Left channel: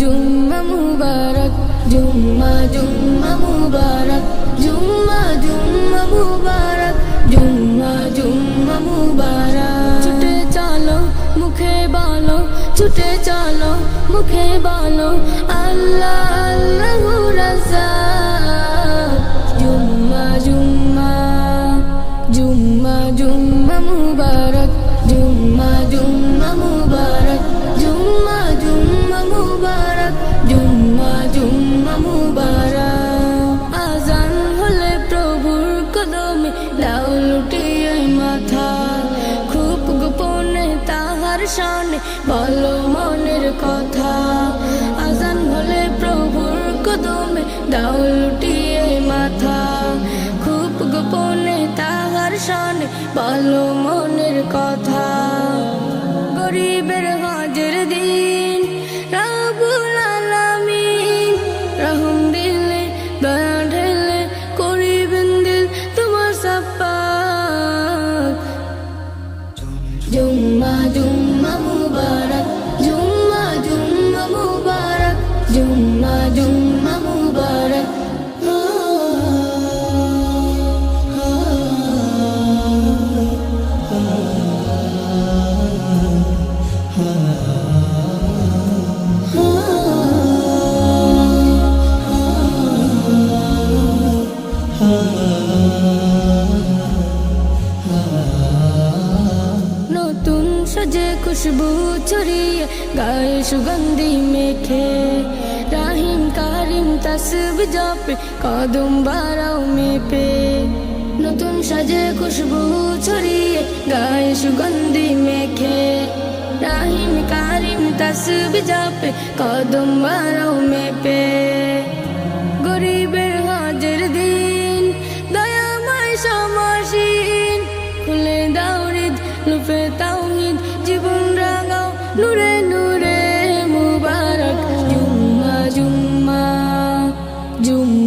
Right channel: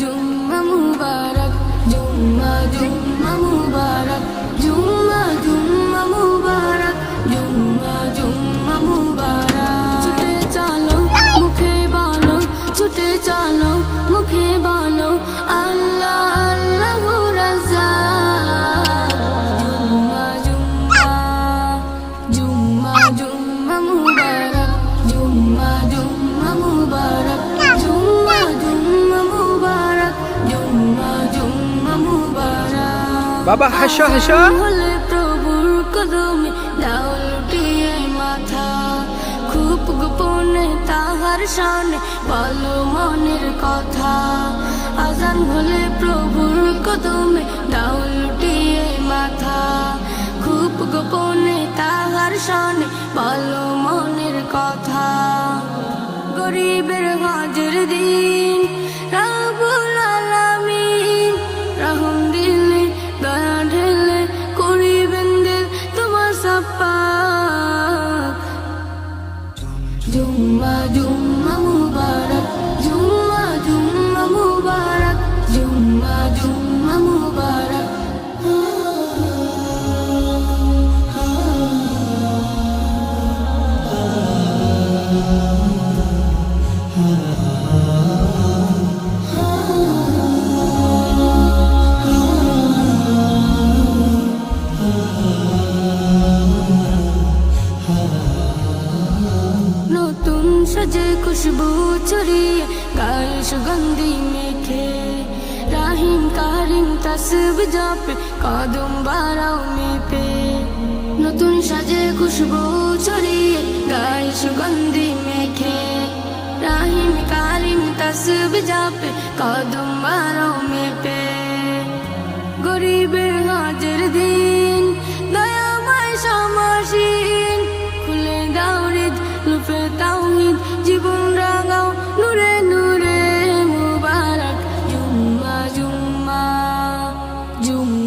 জুম্মা মুবারক, জুম্মা জুম্মা মুবারক, জুম্মা জুম্মা মুবারক, জুম্মা জুম্মা মুবারক। ছুটে চলো মুখে বলো, ছুটে চলো মুখে বলো, আল্লাহ আল্লাহু রাজ্জাক। জুম্মা জুম্মা জুম্মা জুম্মা মুবারক, জুম্মা জুম্মা মুবারক, জুম্মা জুম্মা মুবারক, জুম্মা জুম্মা মুবারক। বাবা হাসো হাসো। আজান হলে প্রভুর কদমে দাও লুটিয়ে মাথা, খুব গোপনে তাহার শানে বলো মনের কথা। আজান হলে প্রভুর কদমে দাও লুটিয়ে মাথা, খুব গোপনে তাহার শানে বলো মনের কথা। গরিবের হজের দিন রব্বুল আলামিন রহম দিলে দয়া ঢেলে করিবেন দিল তোমার সাপাক। জুম্মা জুম্মা মুবারক, জুম্মা জুম্মা মুবারক, জুম্মা জুম্মা মুবারক। নতুন সাজে খুশবু ছড়িয়ে গায়ে সুগন্ধি মেখে, রাহিম কারিম তাসবিহ জপে কদম বাড়াও মেপে। নতুন সাজে খুশবু ছড়িয়ে গায়ে সুগন্ধি মেখে, রাহিম কারিম তাসবিহ জপে কদম বাড়াও মেপে। গরিবের হজের দিন দয়াময় সমাসীন, খুলে দাও হৃদ লুফে তাওহীদ, জীবন রাঙাও নূরে নূরে মুবারক। জুম্মা জুম্মা জুম্মা